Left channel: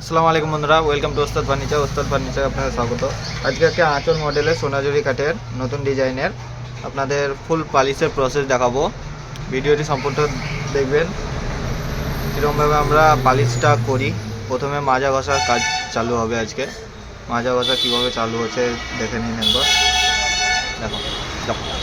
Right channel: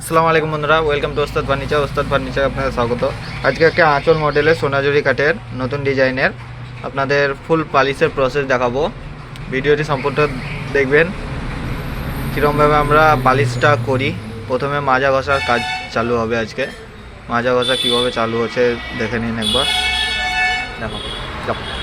আসসালামু আলাইকুম বন্ধুরা, ওয়েলকাম টু ওস্তাদ ফার্নিচার আপনাদের স্বাগত। আজকে একটা আঁচল মডেলের সোনাঝুরি কাঠের নতুন ডিজাইনের আপনাদের ফুল পালিশের প্রসেস দেখাবো। ভিডিওটি সম্পূর্ণ দেখবেন কীরকমভাবে আমরা পালিশটা করি। প্রথমে মাজা ঘষার কাজ চালু হবে। আজকে মাজা ঘষা কীভাবে চালু হচ্ছে দেখে নিন একবার। দেখো দেখো